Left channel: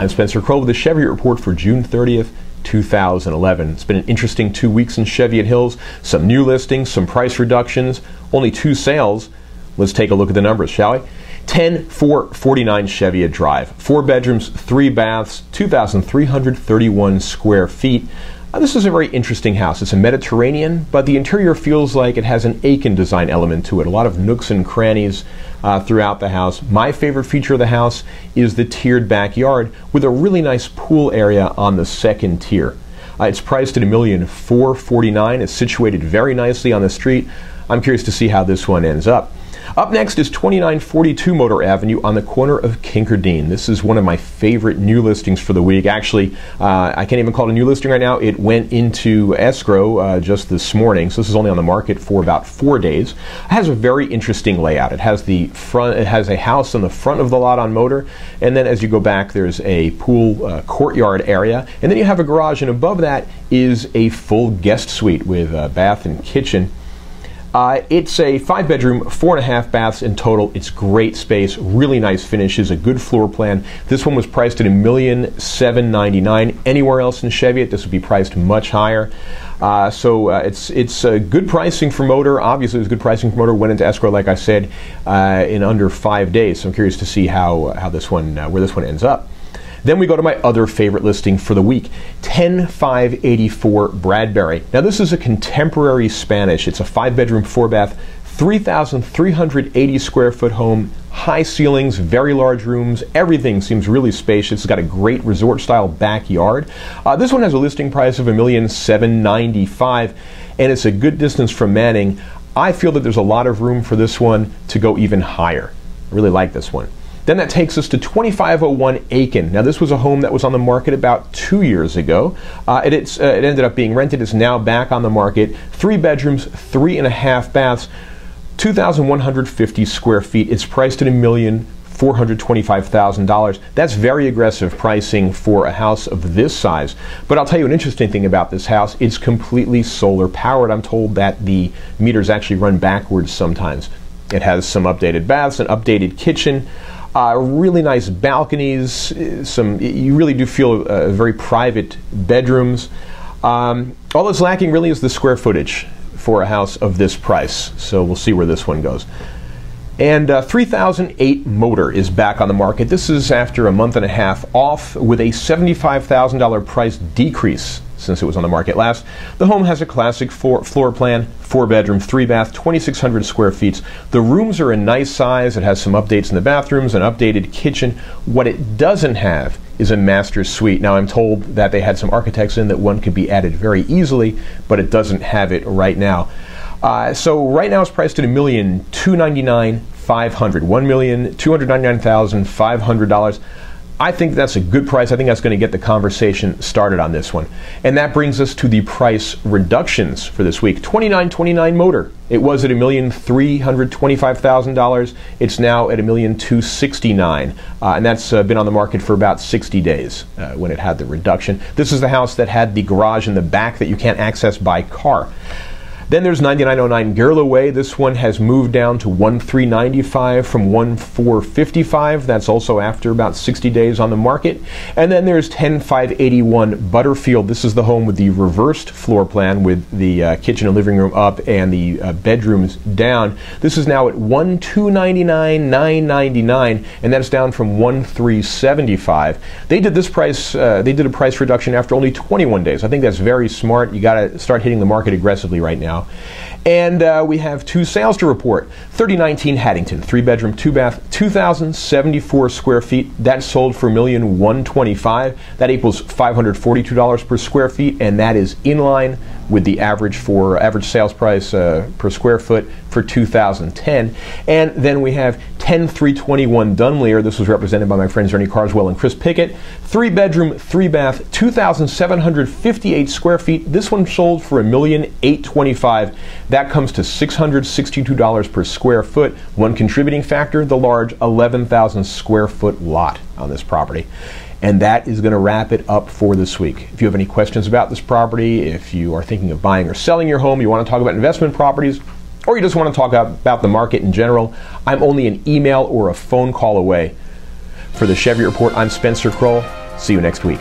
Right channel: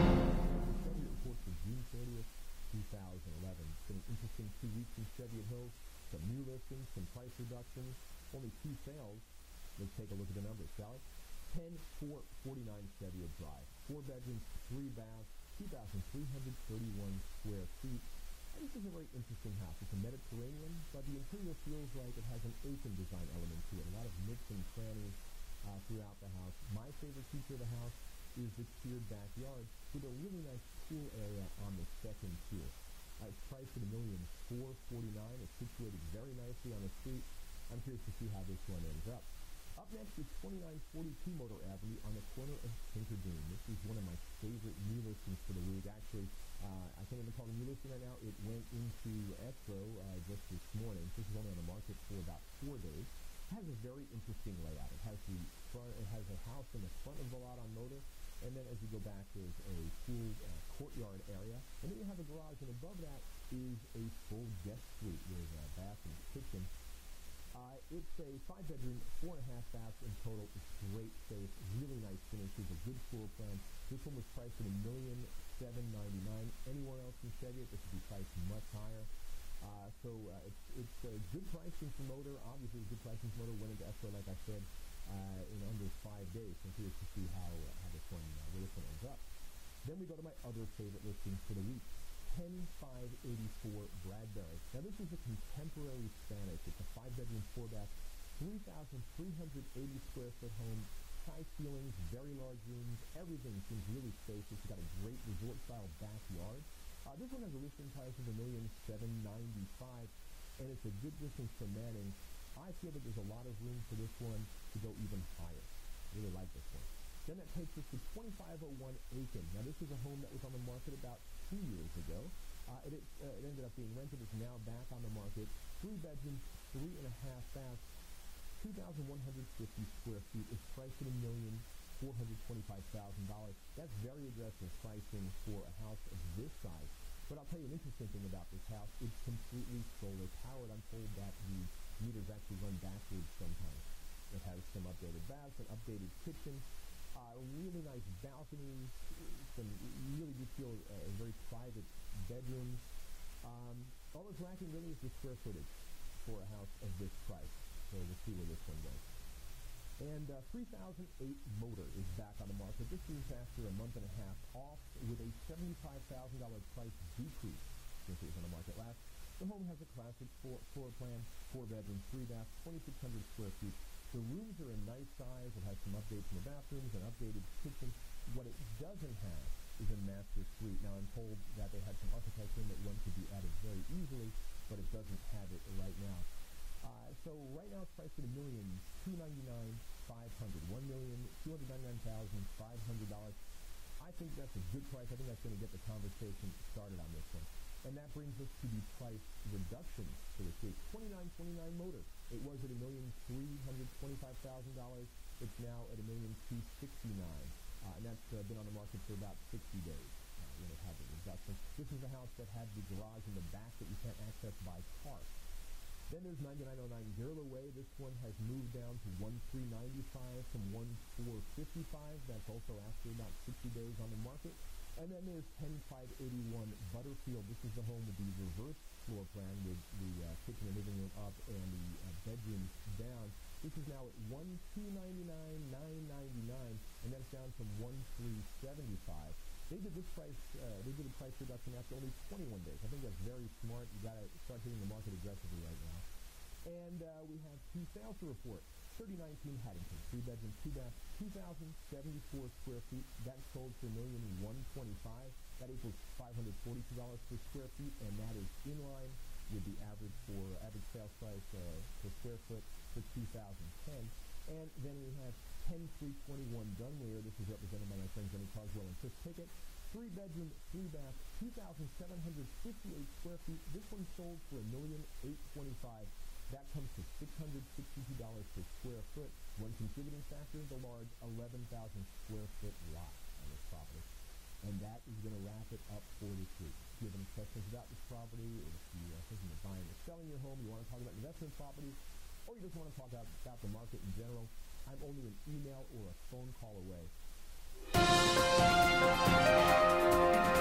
I'm Spencer Krull with the Cheviot Report for June 30th, 2011. It's been an interesting 2 weeks in Cheviot Hills. Some new listings, some price reductions, only 2 sales. Let's take a look at the numbers, shall we? 10449 Cheviot Drive. 4 bedrooms, 3 baths, 2,331 square feet. This is a very interesting house. It's a Mediterranean, but the interior feels like it has an Aiken design element to it. A lot of nooks and crannies throughout the house. My favorite feature of the house is the tiered backyard with a really nice pool area on the second tier. It's priced at $1,449,000. It's situated very nicely on the street. I'm curious to see how this one ends up. Up next is 2942 Motor Avenue on the corner of Kincardine. This is one of my favorite new listings for the week. Actually, I can't even call it a new listing right now. It went into escrow just this morning, so this is only on the market for about 4 days. It has a very interesting layout. It has a house on the front of the lot on Motor, and then as you go back, there's a pool courtyard area, and then you have a garage, and above that is a full guest suite with a bath and kitchen. It's a 5-bedroom, 4.5 baths in total. It's great space, really nice finishes, a good floor plan. This one was priced at $1,799,000. Anywhere else in Cheviot, this would be priced much higher. It's good pricing for Motor. Obviously, it was good pricing for Motor. Went into escrow, like I said, in under 5 days. So I'm curious to see how this one, where this one ends up. Then we go to my other favorite listing for the week, 10584 Bradbury. Now this is a contemporary Spanish. It's a 5-bedroom, 4-bath, 3,380 square foot home, high ceilings, very large rooms. Everything seems really spacious. It's got a great resort style backyard. This one has a listing price of $1,795,000, and it's a good distance from Manning. I feel that there's a lot of room for this one to go even higher. I really like this one. Then that takes us to 2501 Aiken. Now this was a home that was on the market about 2 years ago. It ended up being rented. It's now back on the market. 3 bedrooms, 3.5 baths, 2,150 square feet. It's priced at $1,425,000. That's very aggressive pricing for a house of this size. But I'll tell you an interesting thing about this house. It's completely solar powered. I'm told that the meters actually run backwards sometimes. It has some updated baths, an updated kitchen. Really nice balconies. You really do feel very private bedrooms. All that's lacking really is the square footage for a house of this price. So we'll see where this one goes. And 3008 Motor is back on the market. This is after a month and a half off with a $75,000 price decrease since it was on the market last. The home has a classic floor plan, 4-bedroom, 3-bath, 2,600 square feet. The rooms are a nice size. It has some updates in the bathrooms, an updated kitchen. What it doesn't have is a master suite. Now I'm told that they had some architects in that one could be added very easily, but it doesn't have it right now. So right now it's priced at $1,299,500, $1,299,500. I think that's a good price. I think that's going to get the conversation started on this one. And that brings us to the price reductions for this week. 2929 Motor. It was at $1,325,000. It's now at $1,269,000. And that's been on the market for about 60 days when it had the reduction. This is the house that had the garage in the back that you can't access by car. Then there's 9909 Girla Way. This one has moved down to $1,395 from $1,455. That's also after about 60 days on the market. And then there's 10581 Butterfield. This is the home with the reversed floor plan with the kitchen and living room up and the bedrooms down. This is now at $1,299,999, and that's down from $1,375. They did this price. They did a price reduction after only 21 days. I think that's very smart. You got to start hitting the market aggressively right now. And we have 2 sales to report. 3019 Haddington, 3-bedroom, 2-bath, 2,074 square feet. That sold for $1,125,000. That equals $542 per square feet, and that is in line with the average sales price per square foot for 2010. And then we have 10321 Dunleer. This was represented by my friends Ernie Carswell and Chris Pickett. 3-bedroom, 3-bath, 2,758 square feet. This one sold for $1,825,000. That comes to $662 per square foot. One contributing factor, the large 11,000 square foot lot on this property. And that is going to wrap it up for this week. If you have any questions about this property, if you are thinking of buying or selling your home, you want to talk about investment properties, or you just want to talk about the market in general, I'm only an email or a phone call away. For the Cheviot Report, I'm Spencer Krull. See you next week.